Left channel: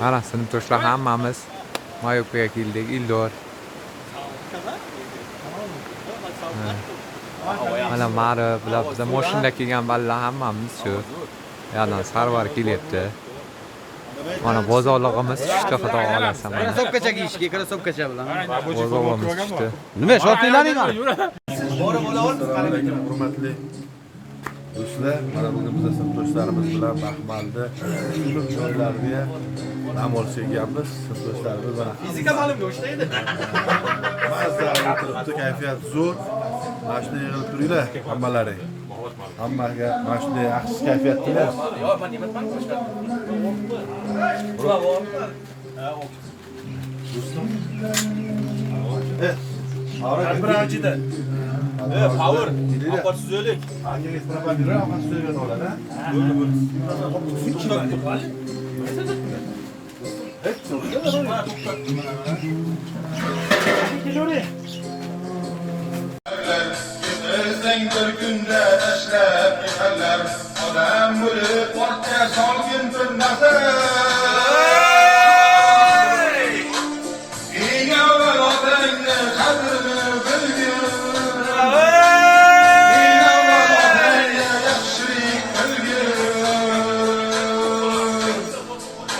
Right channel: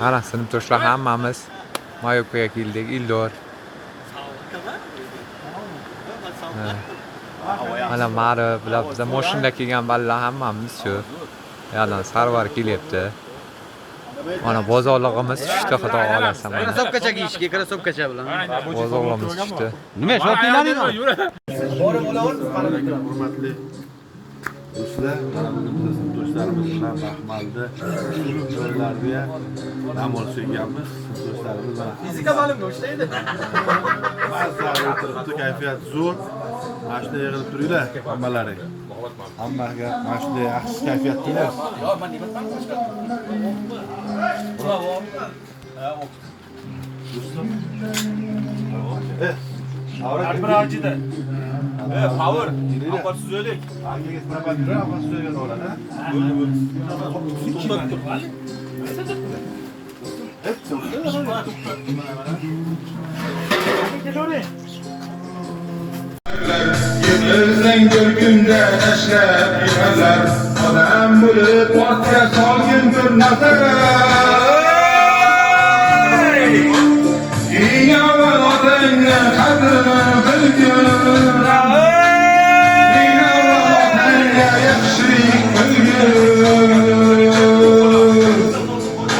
Ana sinfdoshlar hammamiz Mayopkaga keldik. Ildor. Mana mari bilan biz mashinada kelgan balla hammamiz shu. Yana Sarvar kelyapti. Mana bozorligimiz tushdi, xudo xolasa mana. Krasovkacha kiyishga, krasovkacha bilan. Bozorligimiz tushdi. Nima, shotilaringmi? Borib olaver, qaramay turadi, hurmatli do'stlar. Mana bizim do'stlarimiz bilan Baxmalda joylarga dam olib kelganmiz. Do'stlarimiz bilan Fizika ma'lumga o'xshaydi. mazza o'tiribdi, kayfiyat zo'r. Mana shunday yig'ilib turinglar, hammalaring. Hammaga mana shunday yaxshi kayfiyat tilaymiz. Bravo. Brajida. Power. Aparsiz o'lik. Angaga propadira, apasiz o'lik oladi. Yemizden görgünde neşrep yemezler. Adam bulup ortaya salgın bir nazar. Yine var adayla kadrini bilgin. Yine var adayla yakşirik bilgin.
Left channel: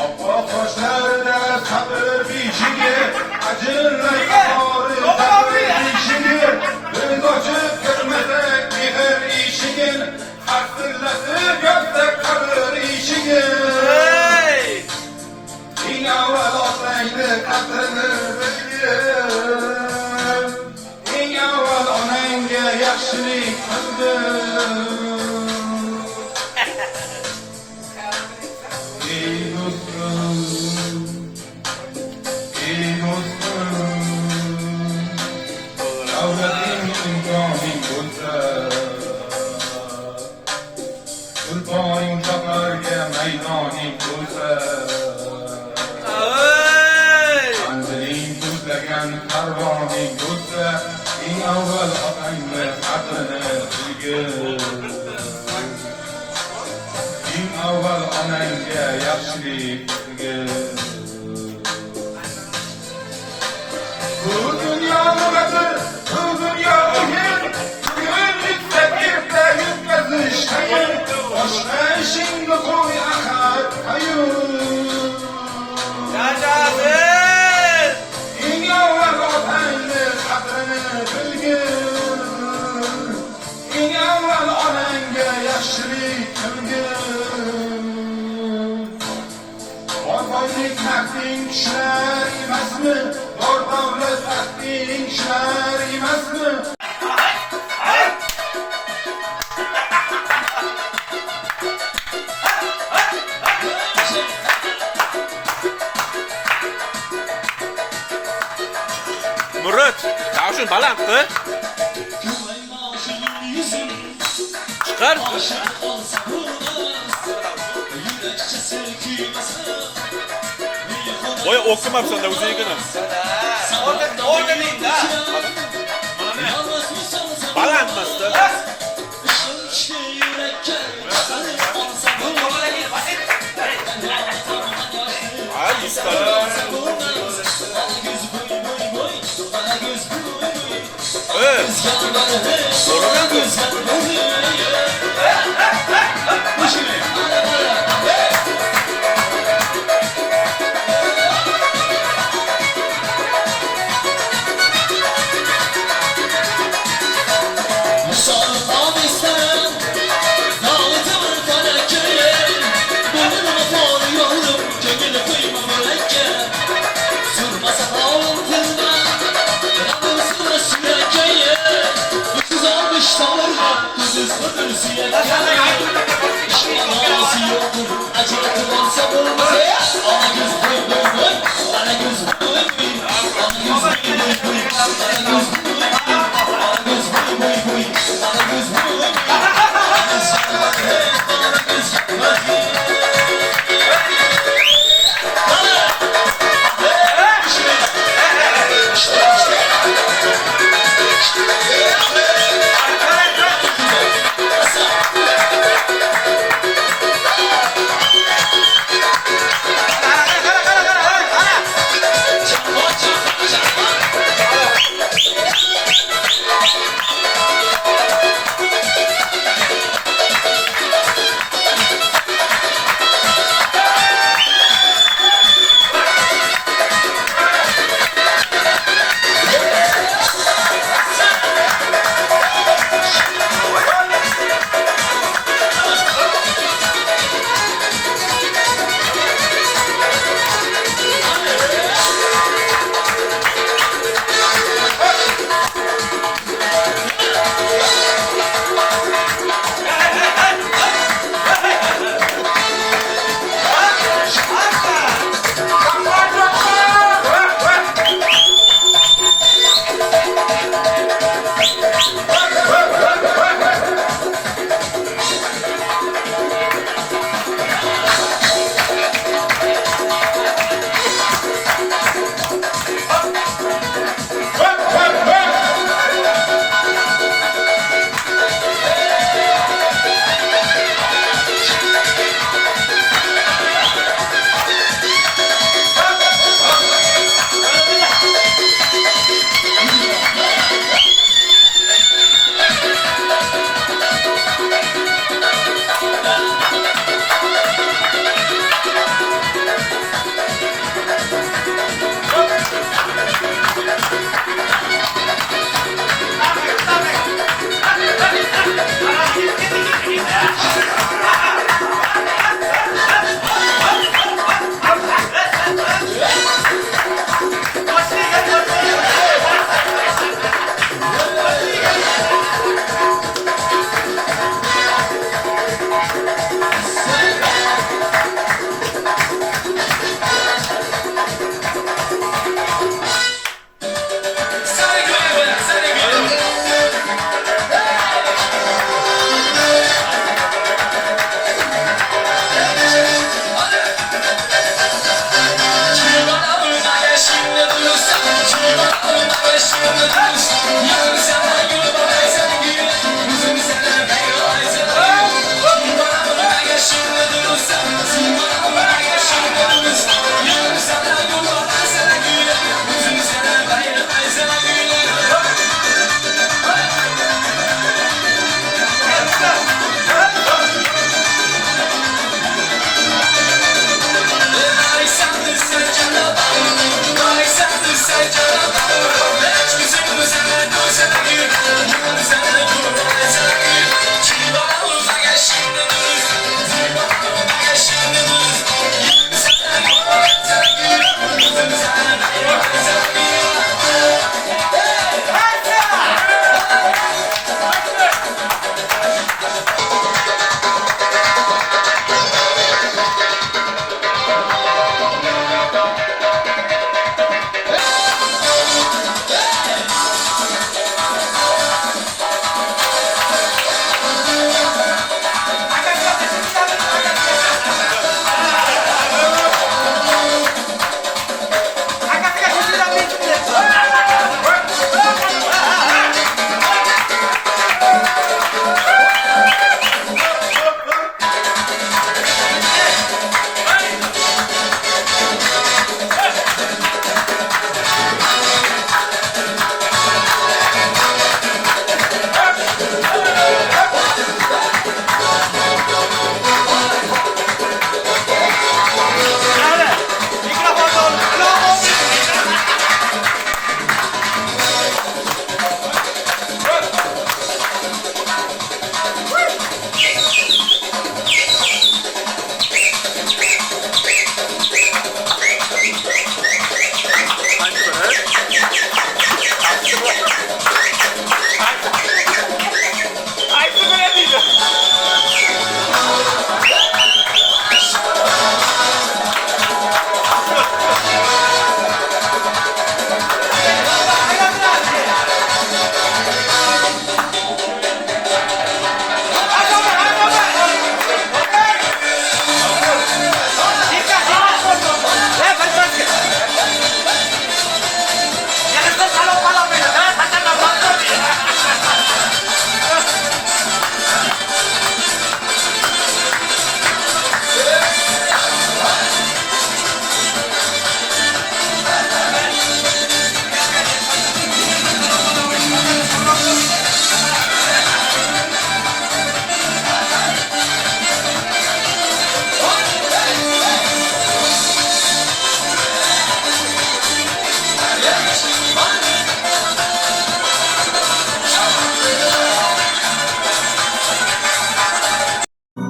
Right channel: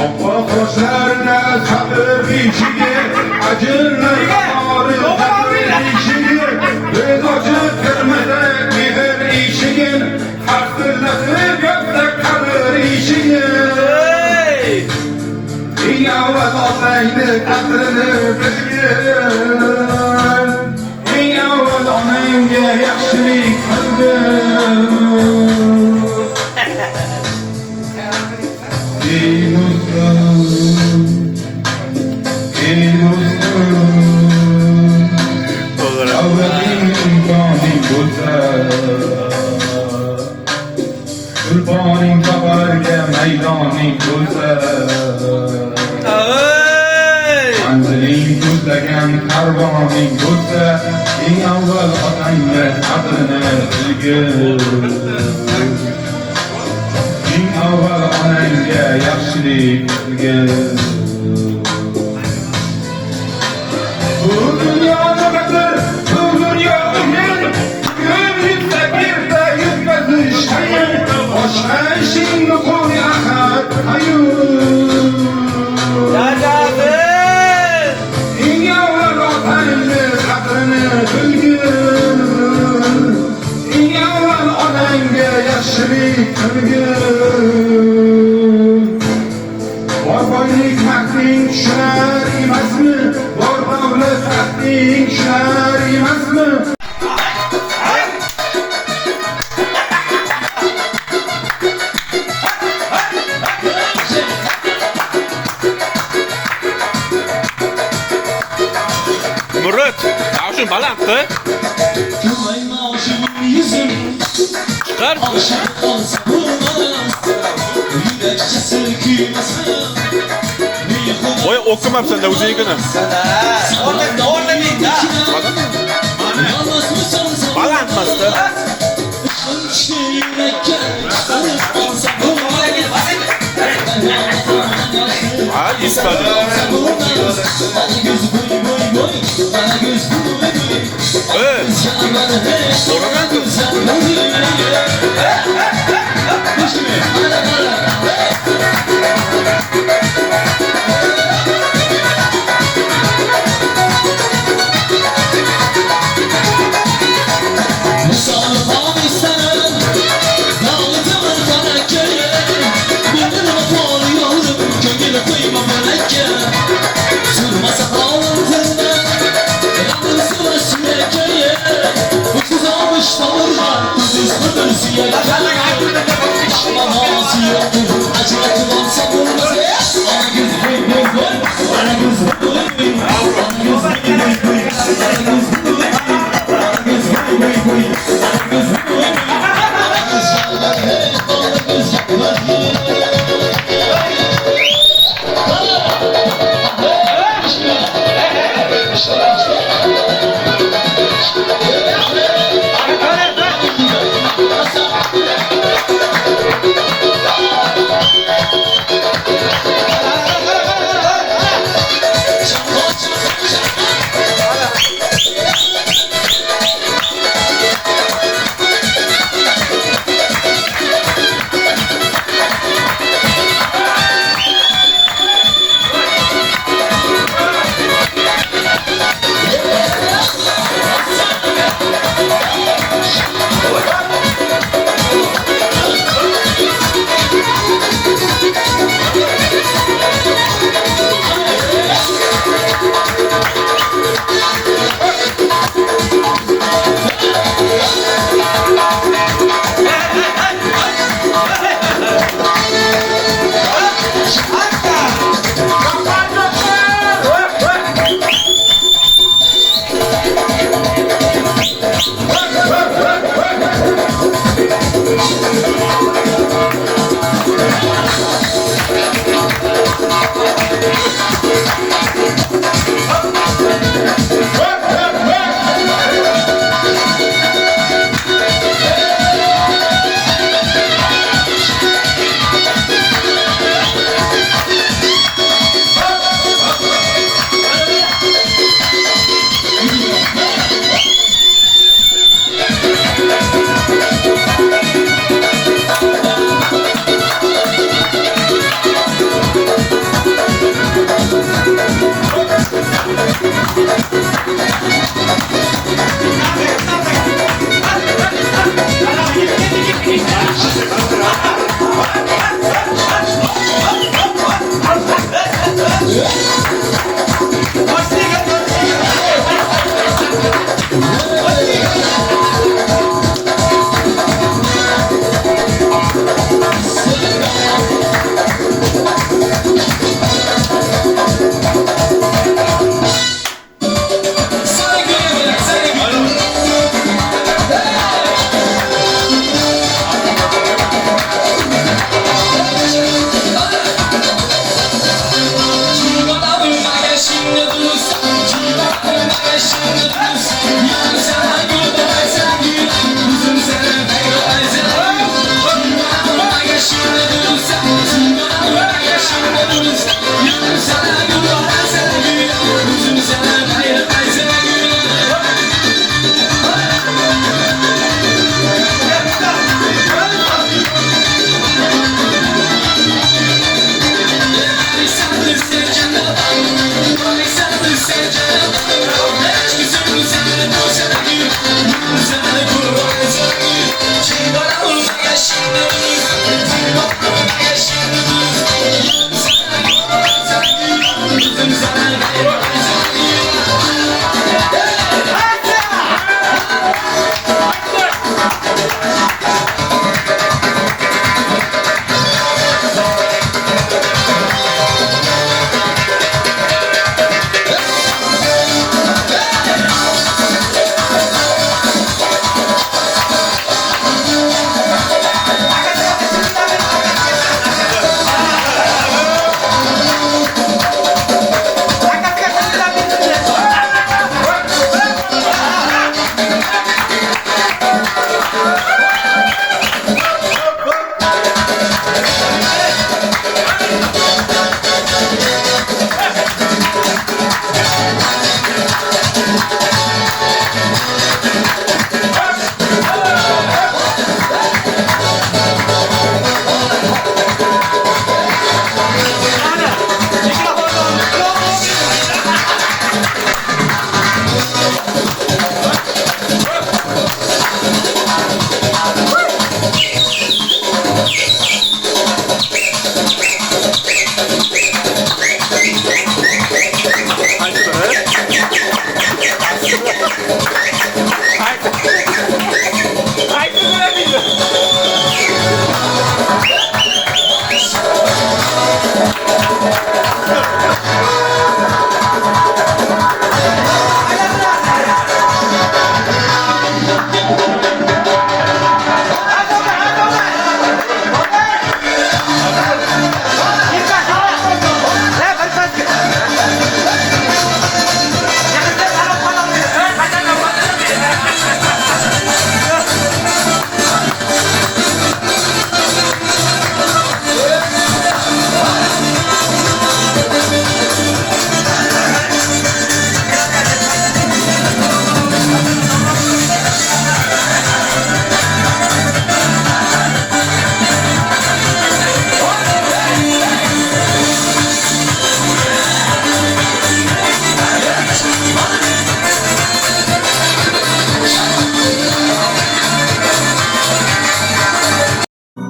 Abba koşlarında çadır içine acınlar ağrı çadır içine. Gözacı kırmızı gider işinin Hakkılasını gökte kalır işinin Yavaz olaydı kadrini bilgin Yavaz onayınca yakşilik kılgın Ey dostum Ey dostum Kurbaning qabarga maydoning bo'lsa manziling ko'zlagan karvoning bo'lsa eng avval otangga qadrini bilgin eng avval onangga yaxshilik qilgin bu dunyo nimadir bu dunyo qiyin bugun yuzta birda yutkazish qiyin boshqa ishingni qo'y ahad ayur Yashasın! eng avval otangni qadrini bilgin eng avval onangga yaxshilik qilgin bor boylik haqing tushar emasmi bor davlat haqing tushar emasmi Murat, tavşin balanddi. Chiqar. Voy o'qimabsan-da o'zingni. O'rningda. Balandmasdi. Ha, iskali. Soraman kız. Acılatılan sabırmaz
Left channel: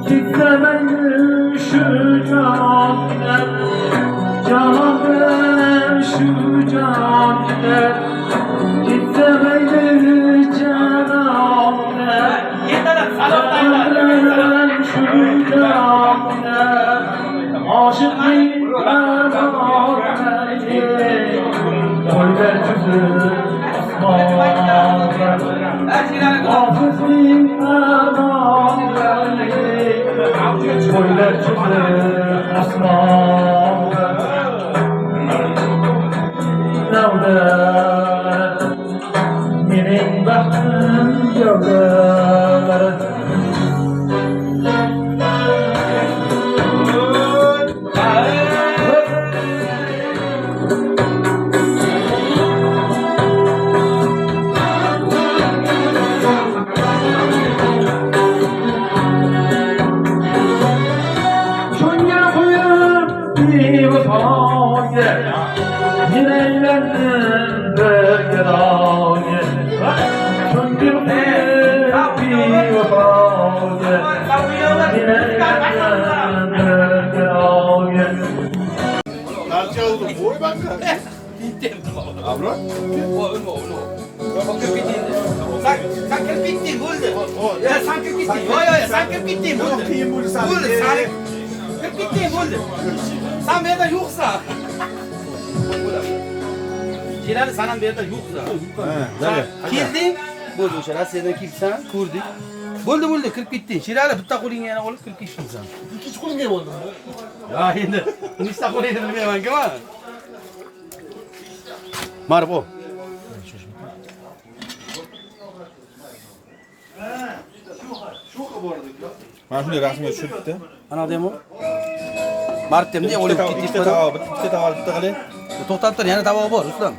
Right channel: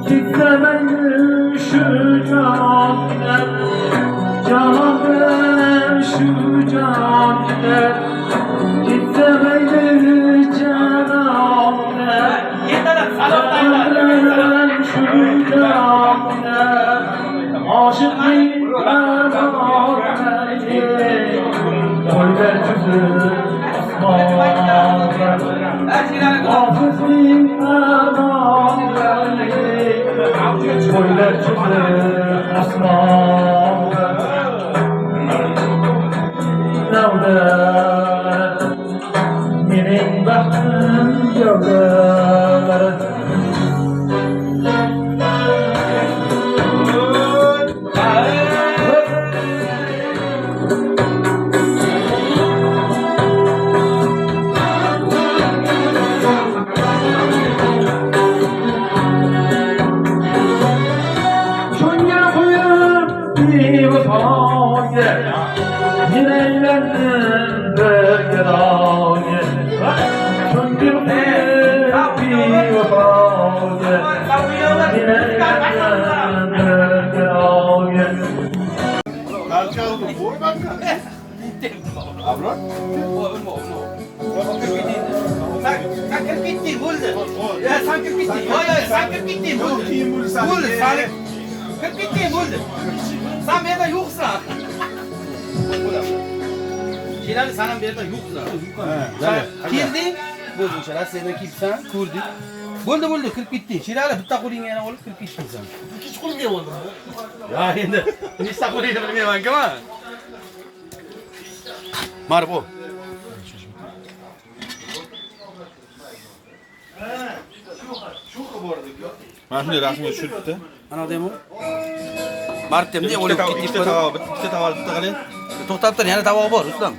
Gitmeyin şu camide, camide şu camide. Gitmeyin camide, camide şu camide. Aşıkın merhameti, koyver yüzü asmağında. Hafızın merhameti, koyver yüzü asmağında. bevafoga Yüreğlerdim bergeraga Ko'ngil bevafoga Yüreğlerdim bergeraga Parça oldu. Boy bak. Abla. Sen kirib ketding, bo'ldi. Sen kirib ketding. Sen kirib ketding, bo'ldi. Bo'ldi, sen kirib ketding, bo'ldi. Sen bu yerda yo'qsan. Keladi, sen ham bu yerda yo'qsan. Kelding, bo'ldi, o'sha Rossiyadan kelsan, ko'rdik. Bo'ldi, kirib ketding. Sherali bitta qo'lingga yana olib kirib ketding sen. Ikkinchi qo'limga bo'ldi. Ya endi nechta qo'lingni bilmayman-ku men. Mana bu. Mana shunday rasmga tushiribdi. Ana odam bu. Martdemda o'lib ketdik. Ikkita tavoq, bitta qalay. To'xtab tur, yana tavoq bor, Ruslan.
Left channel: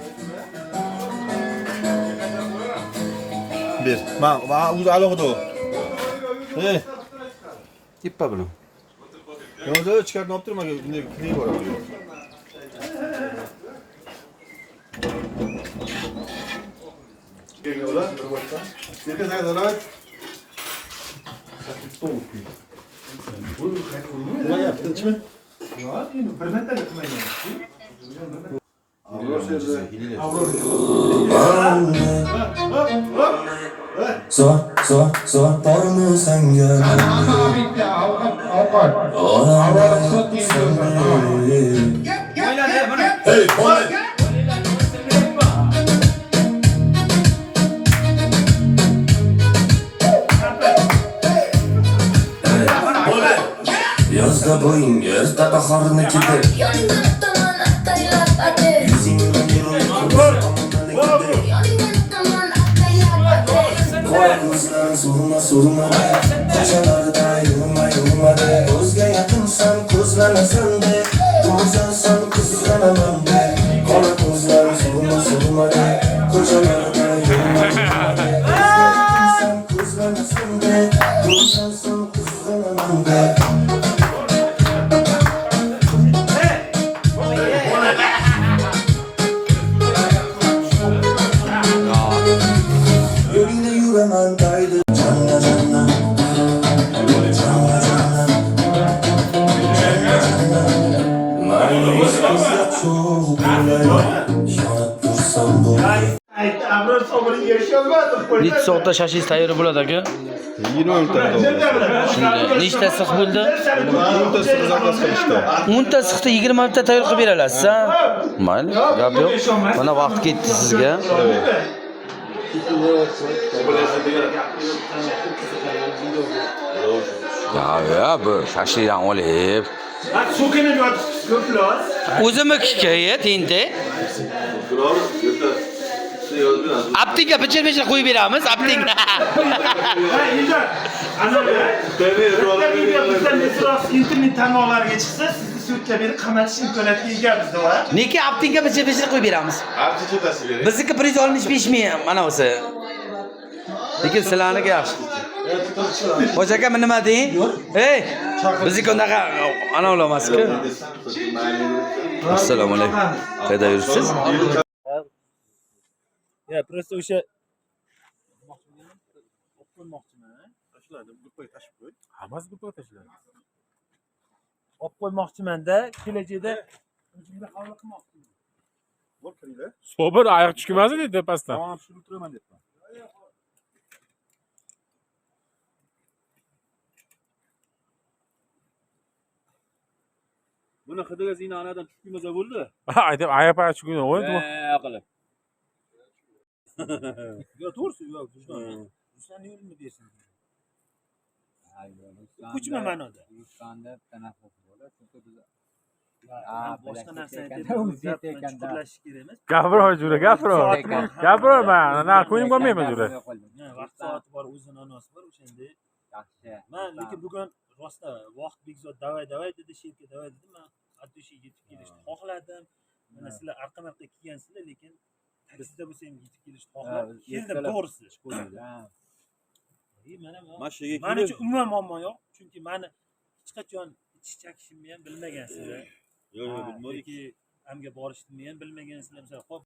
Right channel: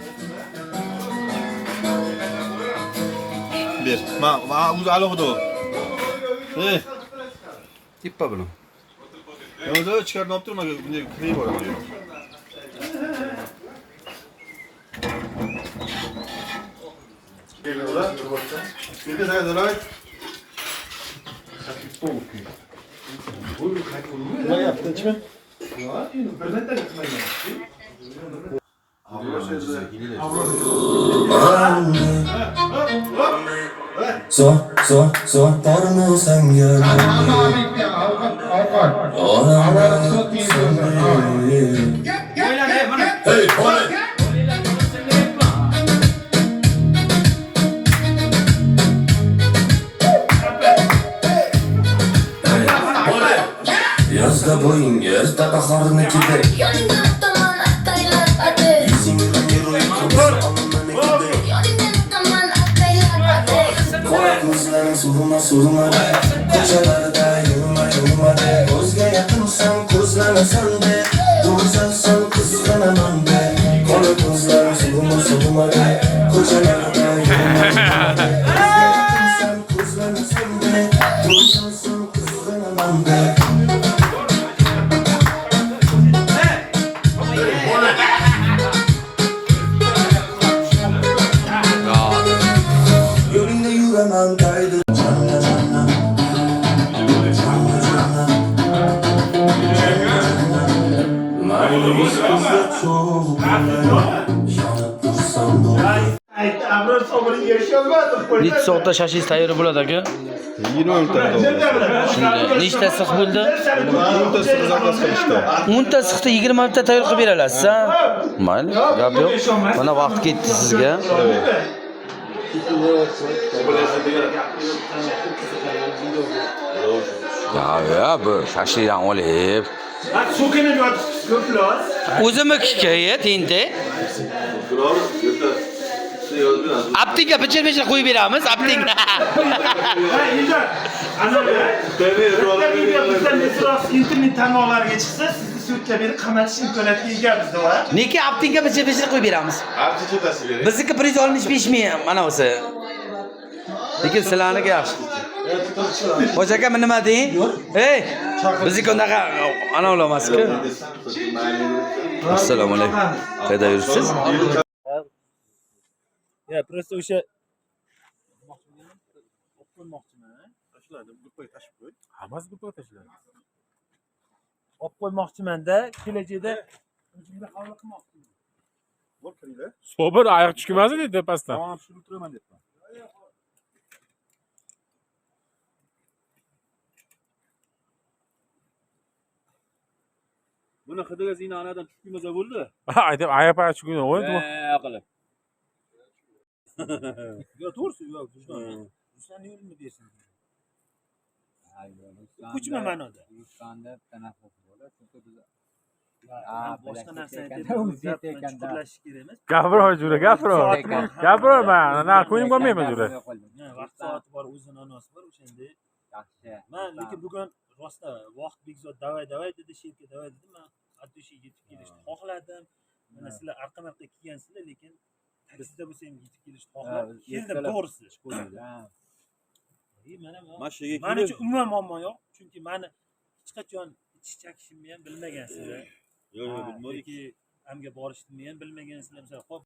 Ber. Ma o'zi alohida. Ey, Tippa buni. yo'lda chiqarib olib turma, bunday kirib boradi. Geliyorlar, dur bakalım. Dedi nerede lan? Ne yaptın içme? So porno sanga Hey boy Yazda boyun erta bahornikida Surma ko'chalarda yurma Ko'zga yaqinsan ko'zlanasan de Do'zasan kuzlanaman de Qora ko'zlar surma ko'chalarda yurma Ko'zga yaqinsan ko'zlanasan de Do'zasan kuzlanaman de Yo'lingda yuraman daydi Necha soatda shashingiz tayyor bo'ladi aka? 20 minutda. Shunday. Nechta siq bo'ldi? 20 minutda siz zapas qilishdi. 10 ta siqni 20 minutda tayyor qilib berasiz, ha? Mayli, gap yo'q. Mana vaqt ketdi sizga. Ya bu shashidan olib. O'zimni hikoya tente. Aptinga bichir qo'yib beramiz, aptinga. internet tanlovlariga chiqsa, sizni sudga berib qamatish imkoniyatiga egamiz, va. Nega aptinga bichir qo'yib beramiz? Bizniki priz olinish 5 ming mana o'zi. Lekin sizlarniki yaxshi. Xo'ja aka, nima deng? Ey, bizniki unaqa ana emas-ku. Assalomu alaykum. Qayerda yuribsiz? Ya, просто o'sha qo'ymoqchiman. Tashlardim, qo'y tashib qo'y. Hammasi qo'y tashlardim. Olib qo'ymoqchiman-da, kelajakda o'zimga qabul qilmoqchiman. Bo'l kiringlar. Sobir oyoq tushmasin dedi pastdan. Tamam, shuni o'tiraman debman. Buni qidiga zinonadan tushmaza bo'ldi. Aytib oyoq tushgan o'ydi. Qilib. Yo, to'g'risi, yo'q, Ruslan yo'lini bersin. Kuchma ma'noda. Ruslan'da tanaffus bo'ladi. Chunki biz boshqa narsa aytib, chuqurlashish kerak emas. Gapirma jura, gapirma. Na ko'nglim bo'lmaymi jura. Vaqt soati bor, o'zini anosi bor, o'shanday. yaxshi. Men lekin bugun rosta vaqt Bekzod davay dedi, sherka davay dedi. Men Abdushiga yetib kelishni xohladim. Mana sizlar arqa-marqa kelgansizlar, lekin taksida bo'lsa ham yetib kelishni xohladim. Keldim, to'g'risi. Mana uchun umuman muammo yo'q, chunki meni hech qachon ichish chakishimni ham bilmagansizlar. Yo'q, yo'q, bilmadik. Yoki amga borishdimi ham bilmagansizlar misol. Xo'p.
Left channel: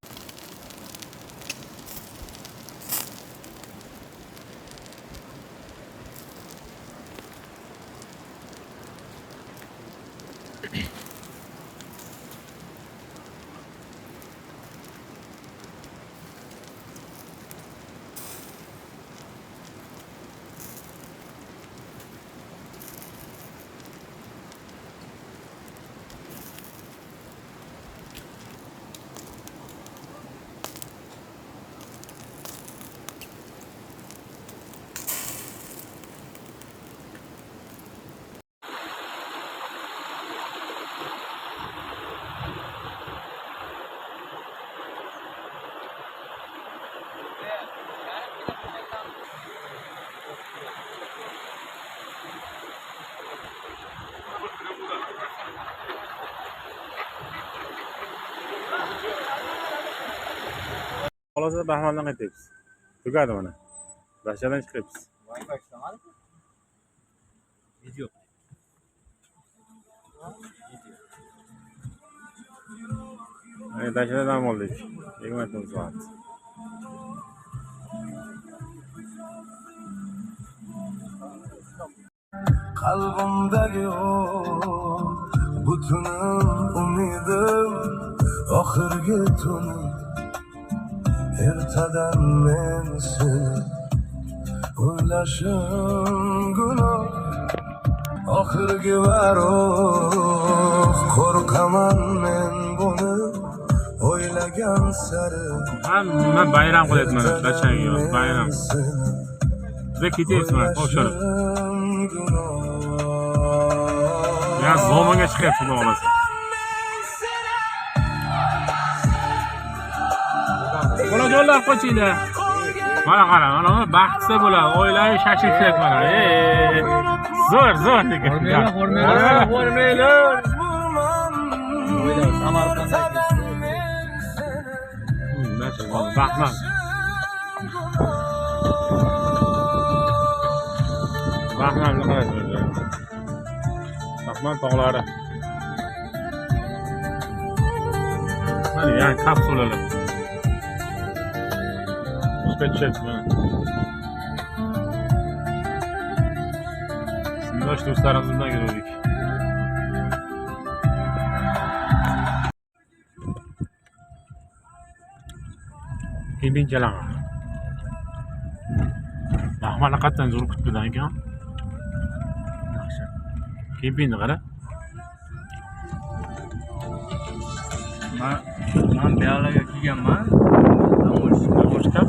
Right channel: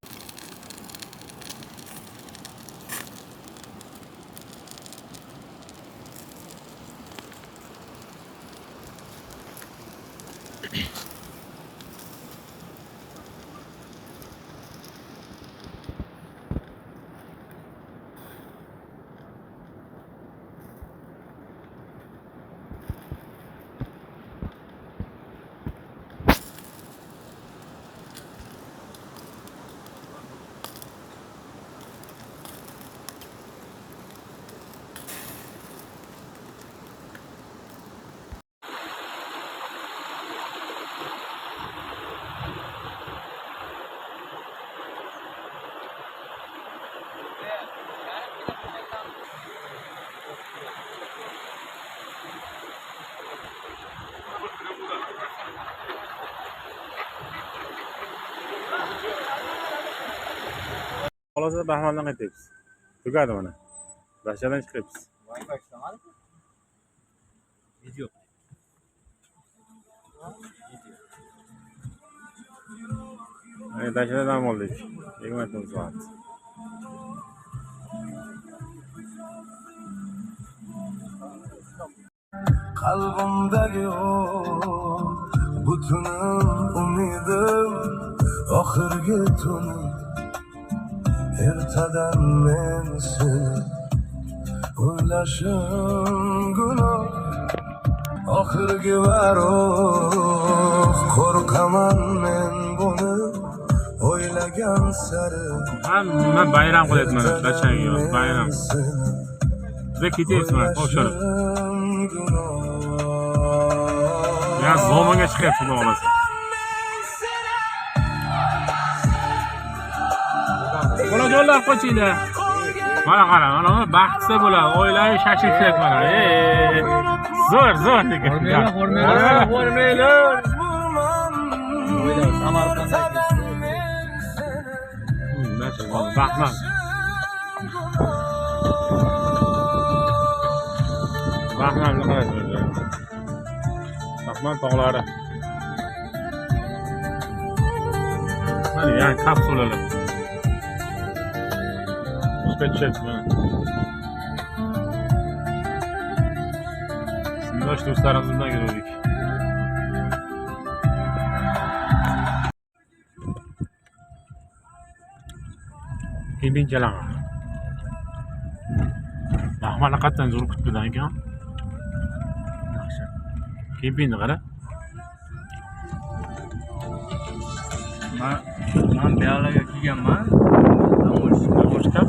Xalosa Baxmaldan qaytamiz. Tugadi mana. Dashadan chiqamiz. Video. Dashadan dam oldik. 20 soat. Qalbimdagi o butunim umidim oxirgi tunim ertadan men seni o'ylashim gunoh oxirgi varoq qo'rqaman men buni o'ylagan sari Hamma bayram qilyapti mana dashanga bayram. Biza ketyapmiz mana o'shar. Ya zomaga chiqyapti xudo xolasa. Bolajonlar qochinglar. Mana qara, mana baxtsa bo'ladi. Oilaviy shashlik mana. Zo'r degan. O'rmaylar. Baxmal. Baxmalni qaraysiz. Baxmal tog'lari. Mana yani kapsulalar. Uspetchet mana. Sindosh do'stlarimiz bilan yurdik. Kembin jalan. Baxmalni qatdan zo'r kutbidan ekan. Kembinni qara. Men beyalarga kelganman. Boshqa